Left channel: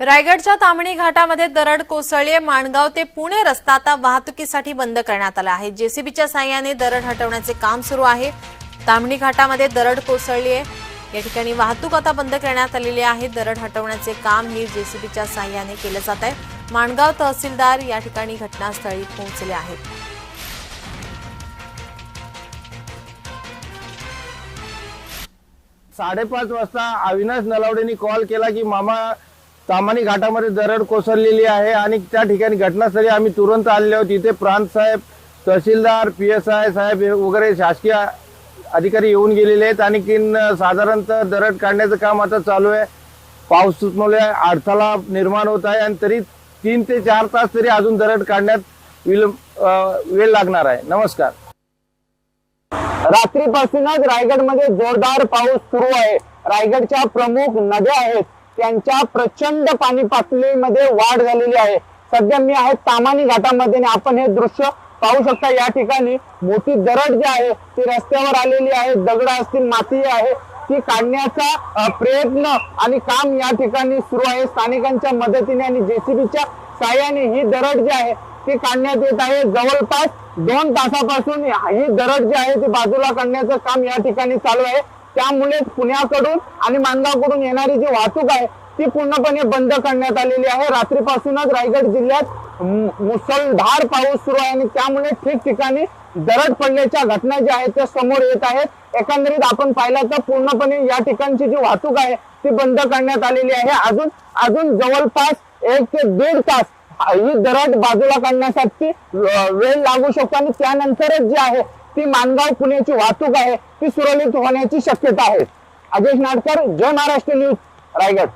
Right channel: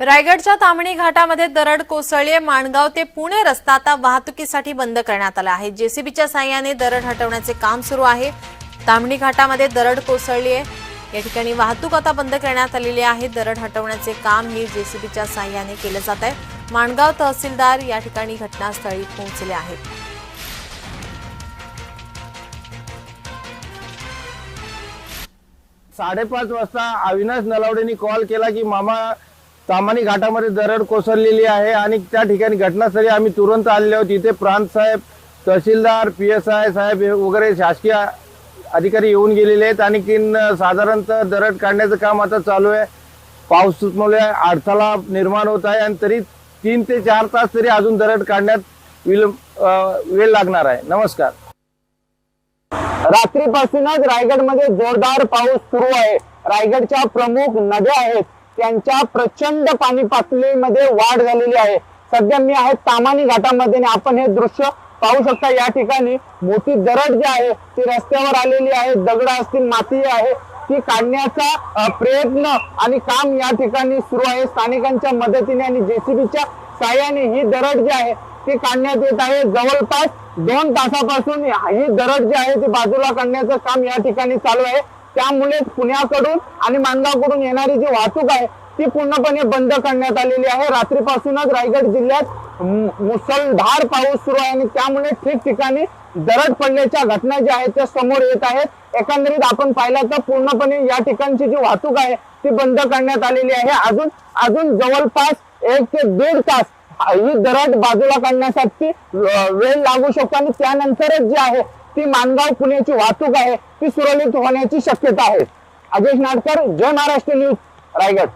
रायगडच्या तामणी घाटामध्ये दरड कोसळले माणगाव ते पुणे रस्ता आता वाहतुकीसाठी बंद करण्यात आला आहे. जेसीबीच्या साह्याने दरड हटवण्याचे काम सुरू आहे. तामणी घाटामध्ये दरड कोसळली आहे. या ठिकाणी वाहतूक आता बंद करण्यात आलेली आहे. दरड हटवण्याचे काम हे जेसीबीच्या साह्याने केलं जात आहे. माणगाव तहसीलदार या ठिकाणी घटनास्थळी पोहोचले आहेत. साडेपाच वाजता अविनाश नलावडेनी कॉल केला की मामा सामानी घाटामध्ये दरड कोसळलेली आहे आणि त्या ठिकाणी घटनास्थळी आम्ही तुरंत आणले आहोत. इथे प्रांत साहेब तहसीलदार पी एस आय साहेब वगैरे शासकीय अधिकारी येऊन गेलेले आहेत. आणि साधारणतः दरड काढण्याचं काम आता चालू आहे. पावसामुळे अडथळा निर्माण होत आहे आणि तरी तीन ते चार तास तरी अजून दरड काढण्यात विलंब वेळ लागणार आहे. नमस्कार. रात्रीपासूनच रायगडमध्ये जोरदार पाऊस सुरू आहे. रायगडच्या प्रमुख नद्या आहेत. त्यांच्या प्रचंड पाणी पातळीमध्ये वाढ झालेली आहे. सध्या मी आहे तामानी घाटामध्ये आणि आपण हे दृश्य पाहू शकता. या ठिकाणी मोठी दरड जी आहे ती रस्त्यावर आलेली आहे. दगड असतील माती आहे. ती काढण्याचा प्रयत्न आणि काम या ठिकाणी सुरू आहे. स्थानिकांच्या मदतीने आणि जेसीबीच्या साह्याने ही दरड जी आहे ती काढण्यात येत आहे. जवळपास दोन तासापासून ही दरड जी आहे ती बाजूला काढण्याचं काम या ठिकाणी चालू आहे. त्यामुळे पुण्याकडून आणि मानगावकडून येणारी जी वाहतूक आहे ती पूर्णपणे बंद करण्यात आलेली आहे. रात्रीपासूनच रायगड जिल्ह्यात मुसळधार पाऊस सुरू आहे आणि त्यामुळे ठिकठिकाणी दरड पडण्याच्या घटना ज्या आहेत त्या समोर येत आहेत. एकंदरीत आपण पाहिलं तर पूर्णपणे या ठिकाणची जी वाहतूक आहे ती बंद करण्यात आलेली आहे. अजून अजून जवळपास एक ते दीड तास ही दरड बाजूला काढण्यासाठी वेळ लागू शकतो आणि त्यानंतरच जे आहे ती मानगाव पुण्याची वाहतूक आहे ती सुरळीत होण्याची शक्यता आहे. अजय नाडकर जय महाराष्ट्र न्यूज रायगड.